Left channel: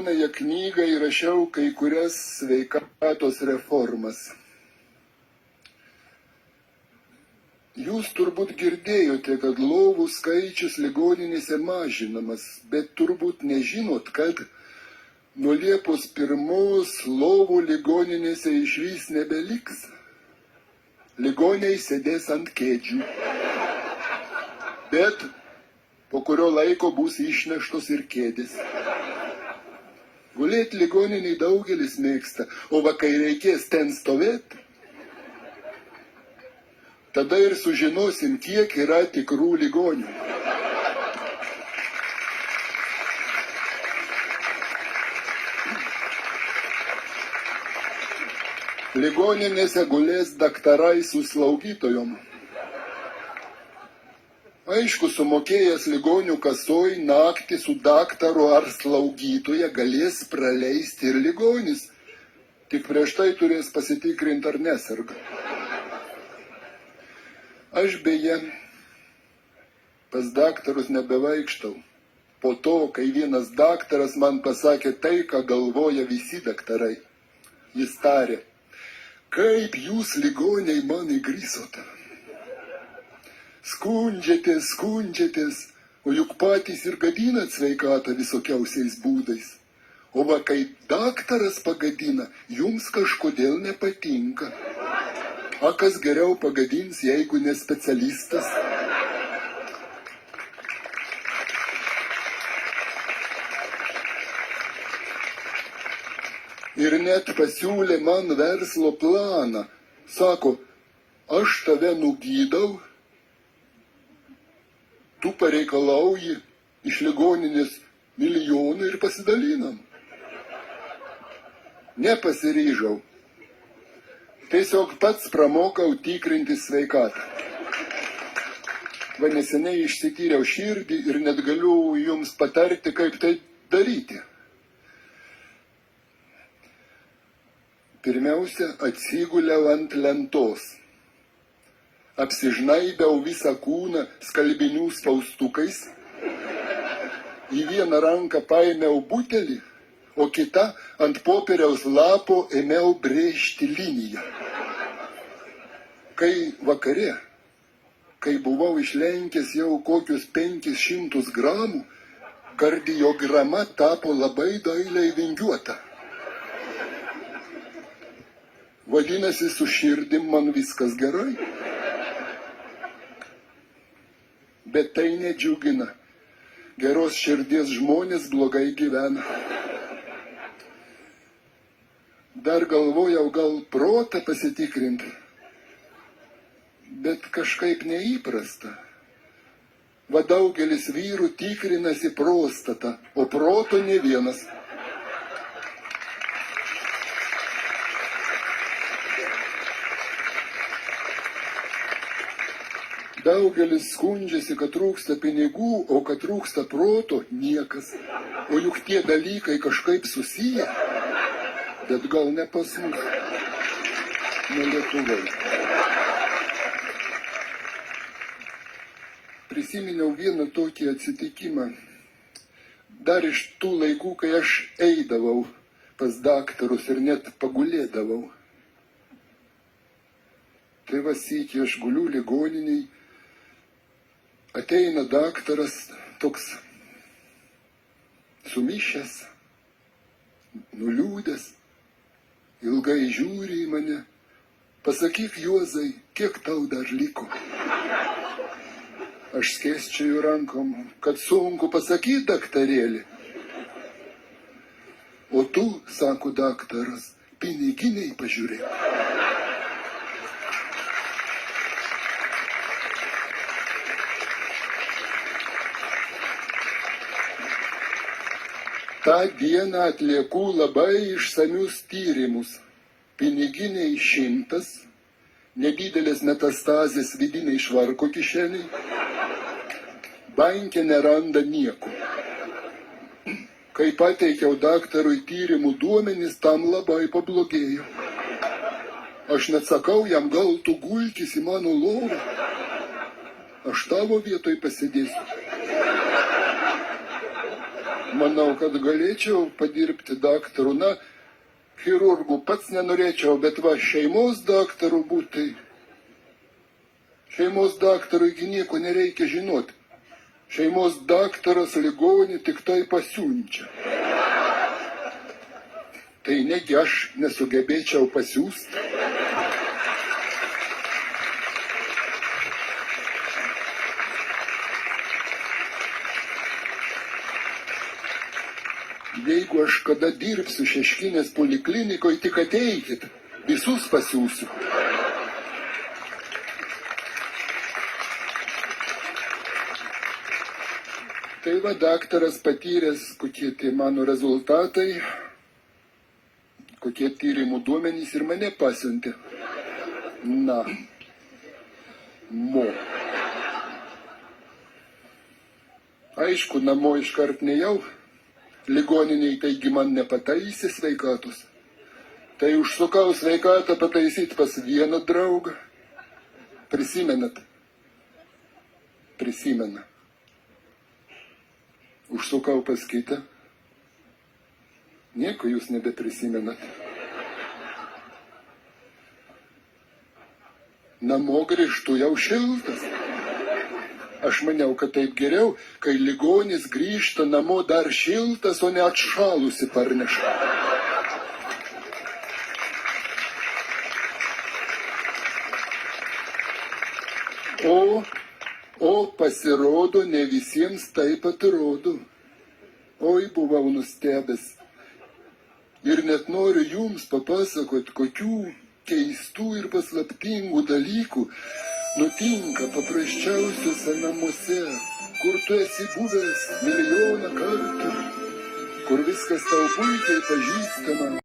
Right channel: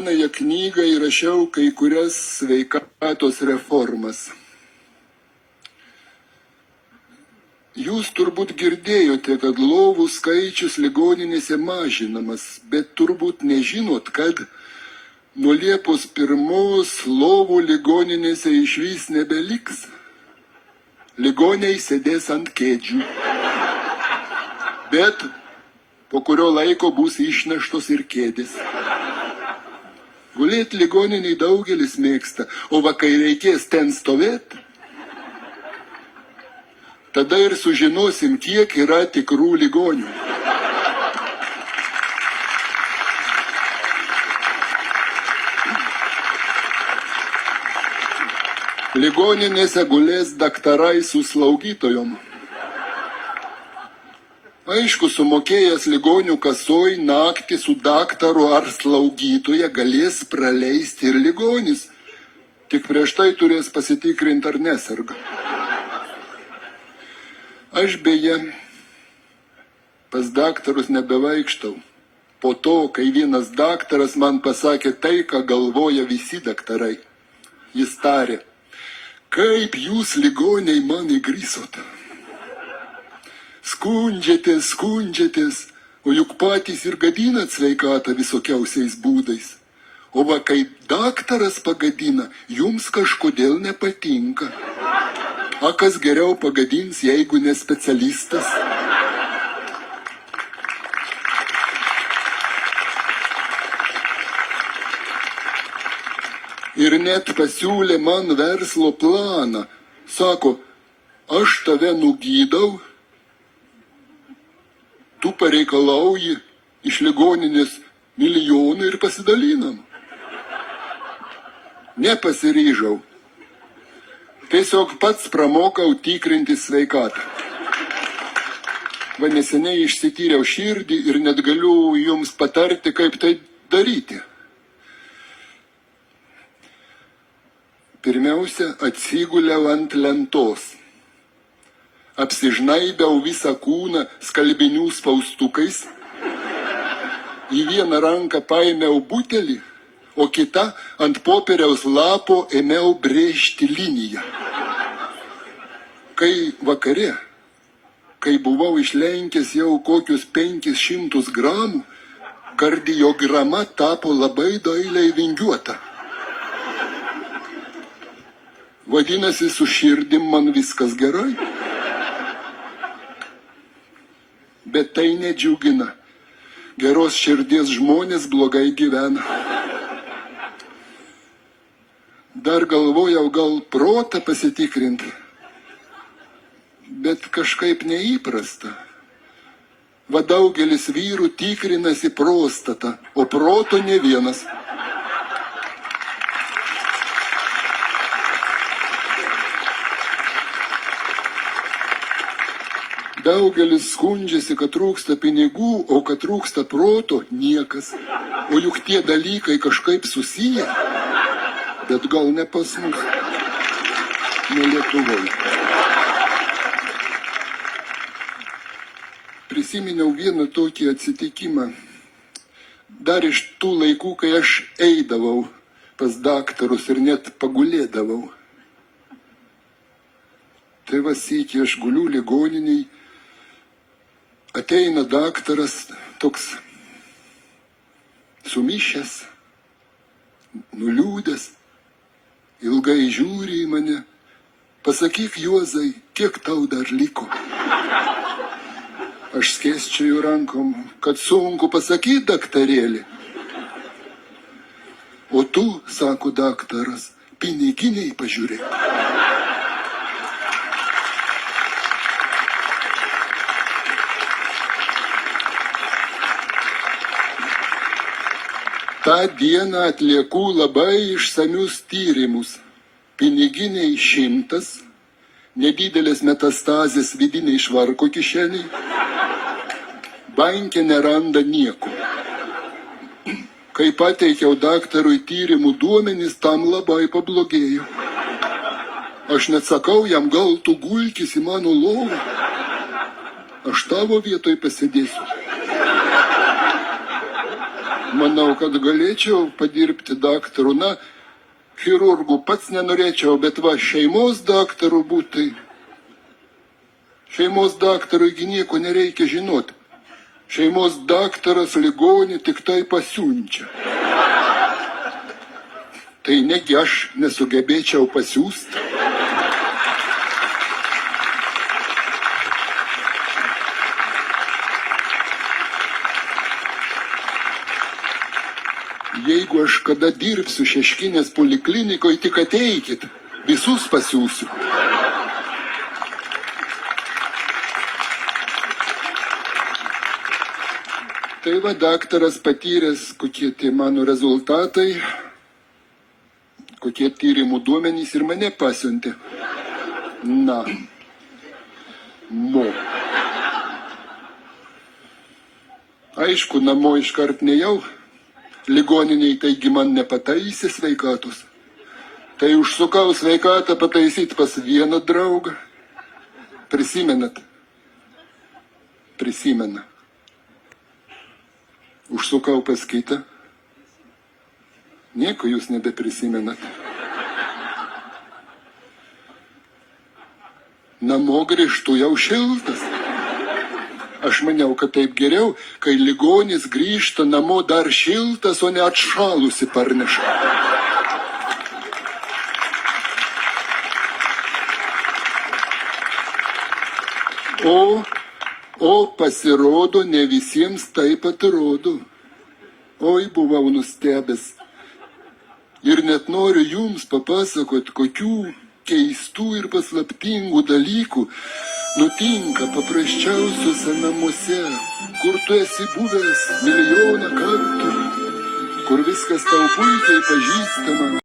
raudonąją knygą įrašiau kai kurias sveikatos reformas. Jūs turbūt girdėjote, kad lovų skaičius ligoninėse mažinamas, bet turbūt nežinot, kad nuo Liepos 1 lovų ligoninėse išvis nebeliks. Ligoniai sėdės ant kėdžių. Bet po kurio laiko bus išneštos ir kėdės. Gulėti ligoniniai daugelis mėgsta, o va kai reikės ten stovėti, tada ir sužinosim, kiek yra tikrų ligonių. Ligoninėse gulės daktarai su slaugytojom. Aišku, sumokėjęs ligonių kasoj naktį su daktaru ar slaugytoja galės praleisti ir ligonis. Tik prieš tai turės pasitikrinti, ar neserga. Aš beje pas daktarus nebevaikštau. Po to, kai vienas daktaras man pasakė tai, ką galvoja visi daktarai. Jis tarė, kaip jūs ligoniai man įgrisote. Skundžiatės, o juk patys ir gadinat sveikatą visokiausiais būdais. O va, kai daktaras pagadina, jums kažkodėl nepatinka. A kas geriau pagadins, jeigu ne specialistas? Ir net pasiūlė man verslo planą. Sako, aš tave nugydau, tu pareikalauji iš ligoninės milijonų ir pasidalinam. Nepasiryžau. Tiesiog pats pramokau tikrinti sveikatą. Va neseniai išsityriau širdį ir net galiu jums patarti, kaip tai daryti. Pirmiausia, atsiguliau ant lentos. Apsižnaibiau visą kūną skalbinių spaustukais. Į vieną ranką paėmiau butelį, o kitą ant popieriaus lapo ėmiau brėžti liniją. Kai vakare, kai buvau išlenkęs jau kokius 500 gramų, kardiograma tapo labai dailiai vingiuota. Vadinasi, su širdim man viskas gerai. Bet tai nedžiugina. Geros širdies žmonės blogai gyvena. Dar galvojau, gal protą pasitikrinti, bet kažkaip neįprasta. Va daugelis vyrų tikrinasi prostatą, o proto ne vienas. Daugelis skundžiasi, kad trūksta pinigų, o kad trūksta proto niekas. O juk tie dalykai kažkaip susiję, bet gal ne pas mus, ne Lietuvoje. Prisiminiau vieną tokį atsitikimą. Dar iš tų laikų, kai aš eidavau pas daktarus ir net pagulėdavau. Tai va sykį aš guliu ligoniniai. Ateina daktaras toks sumišęs, nuliūdęs, ilgai žiūri į mane. Pasakyk, Juozai, kiek tau dar liko? Aš skėsčioju rankom, kad sunku pasakyti, daktarėlį. O tu, sako daktaras, piniginiai pažiūrėk. Ta dieną atlieku labai išsamius tyrimus. Piniginiai 100, nedidelės metastazės vidiniai švarko kišeniai. Banke neranda nieko. Kai pateikiau daktarui tyrimų duomenys, tam labai pablogėjo. Aš net sakau jam, gal tu gulkis į mano lovą. Aš tavo vietoj pasėdėsiu. manau, kad galėčiau padirbti daktaru. Na, chirurgų pats nenorėčiau, bet va, šeimos daktaru būtai. Šeimos daktarui nieko nereikia žinoti. Šeimos daktaras ligonį tik tai pasiunčia. Tai negi aš nesugebėčiau pasiūsti. Jeigu aš kada dirbsiu Šeškinės poliklinikoje, tik ateikit, visus pasiūsiu. Tai va, daktaras patyręs, kokie tie mano rezultatai, kokie tyrimų duomenys ir mane pasiuntė. Na, Aišku, namo iškart nejau, ligoniniai taigi man nepataisė sveikatos. Tai užsukau sveikatą pataisyti pas vieną draugą. Prisimenat? Prisimena. Užsukau pas kitą. Nieko jūs nebeprisimenat. Namo grįžtu jau šiltas. Aš maniau, kad taip geriau, kai ligonis grįžta namo dar šiltas, o ne atšalusi parneša. O pasirodo, ne visiems taip atrodo. Oi, buvau nustebęs. Ir net noriu jums papasakoti, kokių keistų ir paslaptingų dalykų nutinka paprasčiausiuose namuose, kur tu esi buvęs milijoną kartų, kur viskas tau puikiai pažįstama.